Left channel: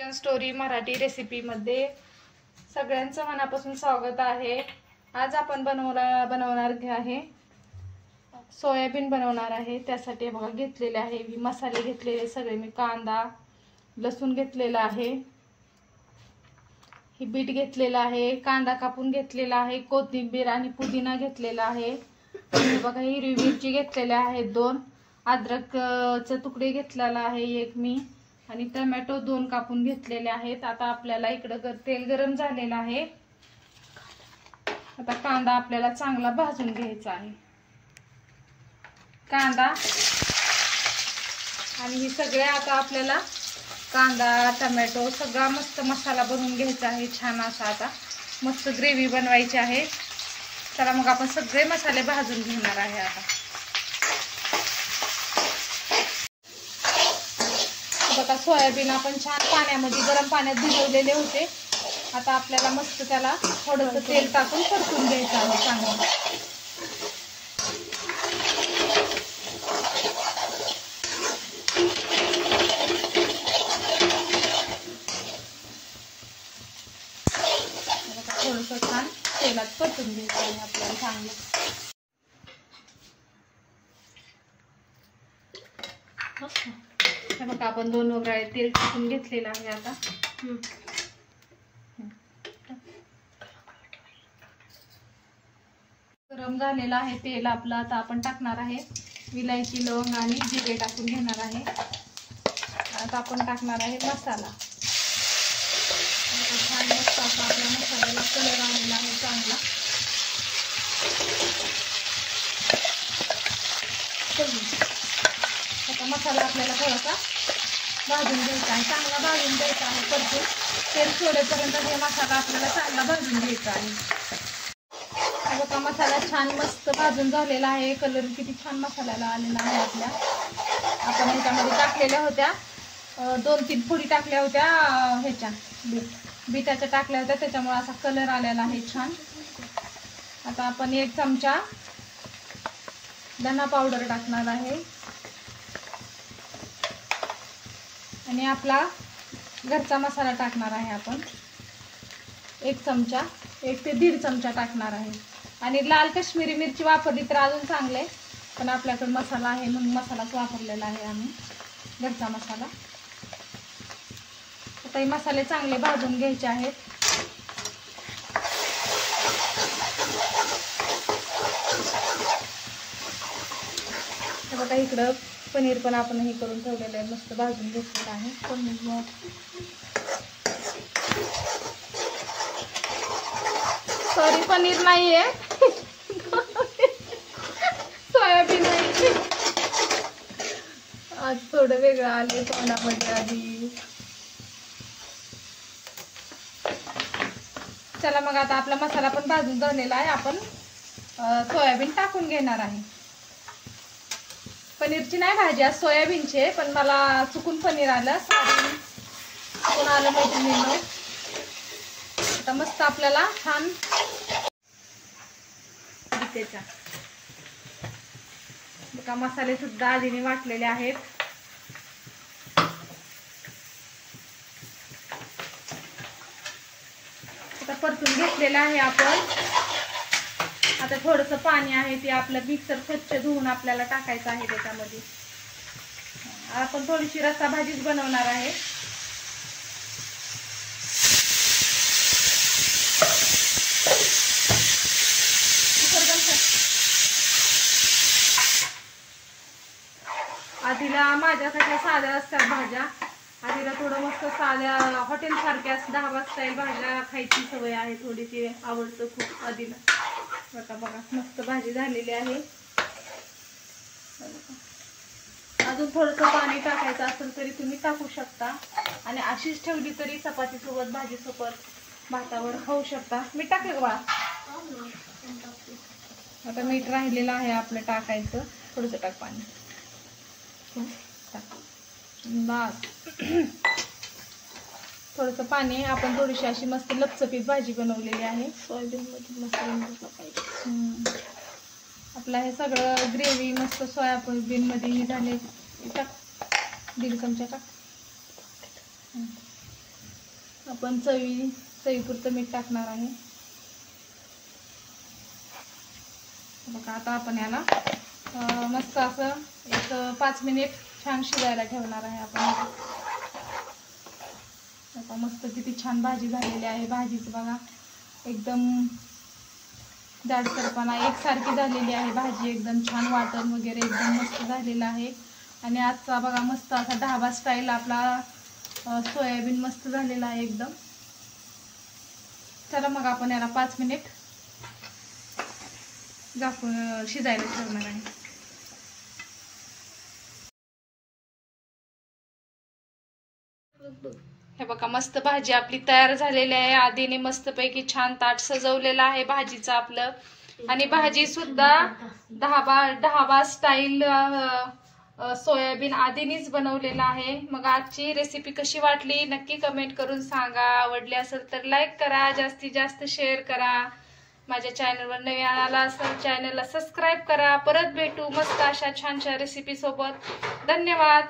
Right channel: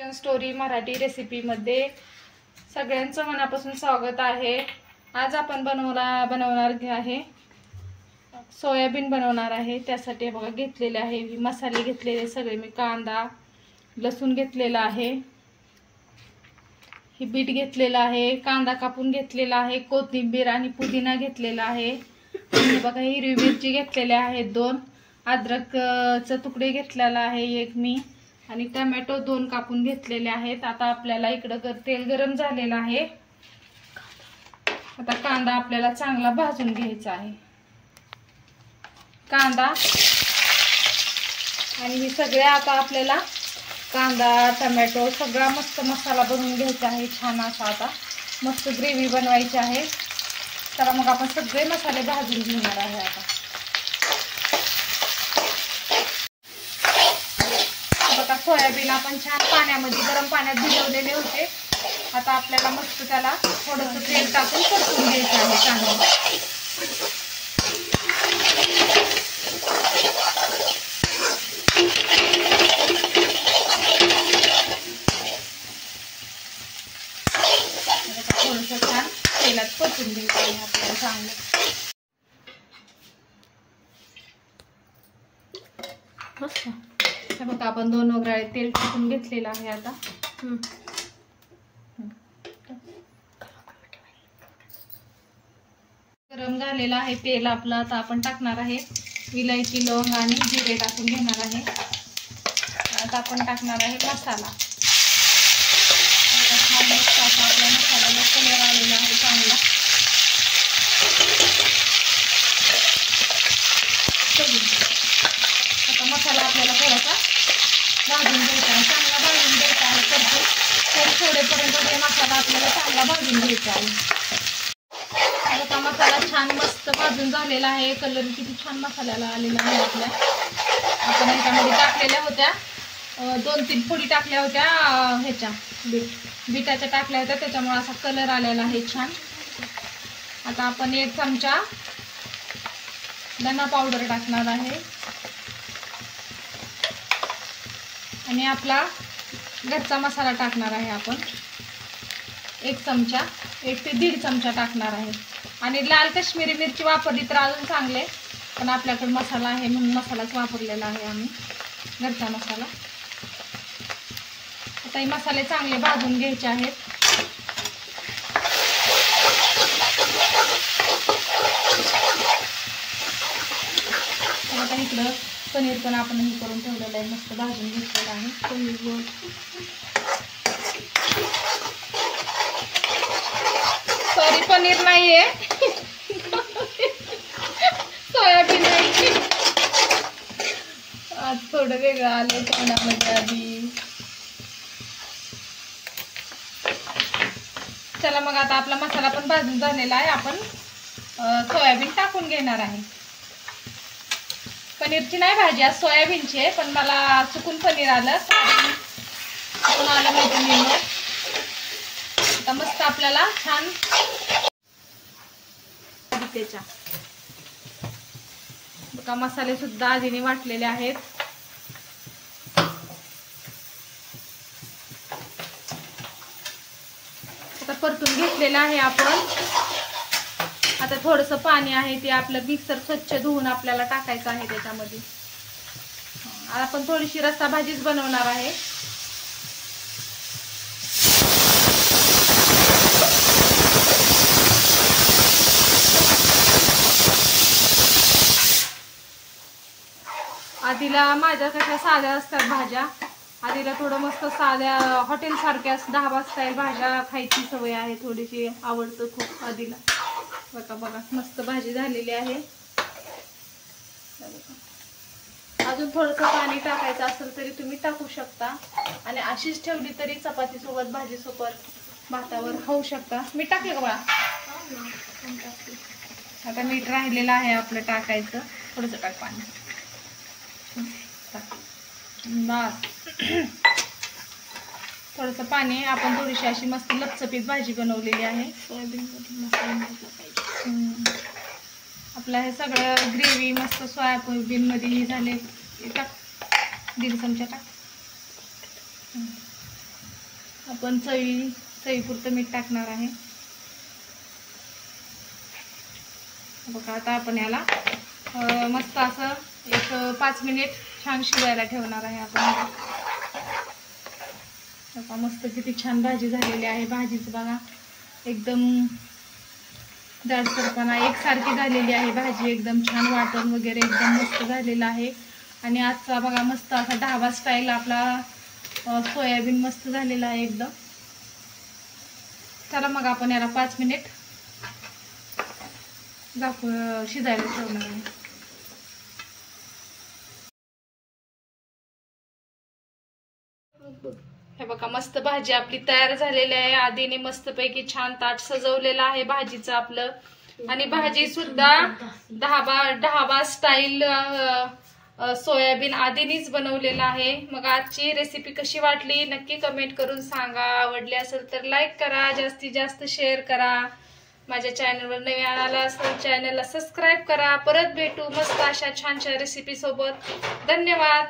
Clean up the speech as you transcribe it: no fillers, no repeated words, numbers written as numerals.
Story Marathi रेसिपीमध्ये सगळ्यांचं मनापासून स्वागत आहे। आज आपण बनवणार आहे सोयाबीन बनवणार आहे। त्यासाठी बघा घेतलेले आहे मसाले घेतलेले सगळे मी कांदा लसूण घेतलेला आहे, ही बीट घेतलेला आहे, कांदा कापून घेतलेला आहे, कोथिंबीर आणि पुदिना घेतलेला आहे, आणि बघा हिरवी मिरची घेतलेल्या आहेत 2, अद्रकचे तुकडे घेतलेला आहे 1 मी, आणि टोमॅटो 2 कापून घेतलेले आहेत। आता आपल्याला इकडे तेल गरम झालेलं आहे। आता कांदा आपल्याला चांगला भाजून घ्यायचा आहे। कांदा आणि हे सगळे आता आपल्याला कांदा टोमॅटो सगळा मस्त मसाला बनवून घ्यायचा आहे। छान असा आता मस्त ग्रेव्ही बनवायची आहे। चला मग आपण सगळे मसाले भाजून घेणार आहे। आता बघा सोयाबीन आपण छान पाण्यामध्ये गरम पाण्यात भिजवलेले होते। आता आपल्याला मस्त त्याला थोडंसं तेल टाकून परतून घ्यायचं आहे चांगलं। थोडंसं छान तेलात परतून घ्यायचं आहे आपल्याला चांगलं। हे बघा आपण 2 वगैरे तेल टाकून घेतलेलं आहे। आता गरम झालेलं आहे तेल आपलं। आता आपण टाकणार आहे विलायची लवंग आणि जिरे टाकून घेणार आहे। आता आपण टाकणार आहे मसाला। आपल्या मसाल्याला कलर आलेला आहे चांगला। आता मसाला आपल्याला थोडासा भाजून घ्यायचा आहे, चांगला भाजून घ्यायचा आहे। परतून तेल सोडेपर्यंत हे मसाला आपल्याला चांगला भाजून घ्यायचा आहे। आता मसाला छान मस्त भाजून झालेला आहे। कलर किती छान मसाल्याला आलेला आहे आपल्या। आपण ह्याच्यामध्ये टाकलेल्या होत्या 2-3 फोडी टाकल्या होत्या ह्याच्या बीटाच्या टाकल्या होत्या, त्याच्यामुळे असा कलर आलेला आहे छान। आता आपण 1 चमचा धना पावडर टाकणार आहे, आणि आपला घरचा मसाला टाकणार आहे आपण 1 चमचा 1 ते 1.5 चमचा टाकणार आहे। आणि लाल काश्मीरी मिरची वापरली तर अजून चांगले, पण आपल्याकडे मसाला आहे म्हणून मसालाच वापरलेला आहे आम्ही, घरचा मसाला। आता हे मसाले चांगले भाजून घ्यायचे आहेत। आता इकडं पनीर पण आपण हे करून ठेवलेलं आहे, मस्त भाजून घेतलेलं आहे पनीर। सॉरी पनीर नाहीये सोयाबीन आहे। आज थोडं वेगळं आलंय तोंडामध्ये आधी। चला मग आता आपला मसाला पण भाजून झालेला आहे। आपण सोयाबीन टाकून घेणार आहे। पनीरची नाही भाजी आज सोयाबीनची आहे, पण मला चुकून पनीर आलं, चुकून आलं मैत्रिणींनो। आता मस्त आपल्याला छान त्याच्या बघा मसाले सुद्धा आधीने वाटलेले आहेत। आता परतून घेतलेलं आहे आपण। आता थोडंसं पाणी आहे ते आपलं मिक्सर स्वच्छ धुवून आपल्याला टाकायचं आहे त्याच्यामध्ये। आपण थोडीशी रस्सा भाजीच बनवणार आहे। आधीला माझ्या कशा साध्या असतात भाज्या, आधीला थोडं मस्त साध्या हॉटेल सारख्या ढाबा स्टाईल भाज्या खायची सवय आहे, थोडीशी आवडतं खूप आधीला। बघा बघा मस्त भाजी झालेली आहे। अजून थोडंसं पाणी टाकायचं असेल तरी तुम्ही टाकू शकता, आणि अशीच ठेवली तरी चपाती सोबत भाजी सोबत भातावर खाऊ शकता। मीठ टाकलं का बाळा? आता मीठ राहिलेलं आहे आपलं टाकायचं, थोडंसं टाक पाणी बस। थोडंसं पाणी, आपण थोडीशी अशी मस्त लपचपीत भाजी बनवलेली आहे। सोयाबीन मसाला आपलं हे सगळं ग्रेव्ही मस्त सोयाबीन मध्ये झाले। टाक 1.5 चमचा टाक। आपण चवीपुरतं मीठ टाकणार आहे। बघा आता आपण याला मस्त असं एक 5 मिनिट छान शिजायला ठेवणार आहे आपण। बघा मस्त किती छान भाजी झालेली आहे। भाजीचं बघा एकदम जाडसरपणा एकसारखी झालेली आहे भाजी, एकदम छान वाटण वगैरे एकदम मस्त झालेलं आहे। आणि आजचा बघा मस्त असा ढाबा स्टाईल आपला सोयाबीन मस्त झालेला आहे एकदम। चला मग आपण याला 5 मिनिट शिजायला ठेवणार आहे। हे बघा मस्त भाजी आपली तयार झालेली आहे। आधीने मस्तपैकी छान ताट सजवलेलं आहे भाजीचं आपलं। आणि भाजी सुद्धा ढाबा स्टाईल सोयाबीन आधीनीच बनवलेला आहे। मग आजची रेसिपी कशी वाटली नक्की कमेंट करून सांगा। आवडली असेल तर लाईक करा, जास्तीत जास्त शेअर करा। माझ्या चॅनलवर नवीन आला असेल चॅनलला सबस्क्राईब करा। परत भेटू मस्त अशा छानशा रेसिपी सोबत। धन्यवाद।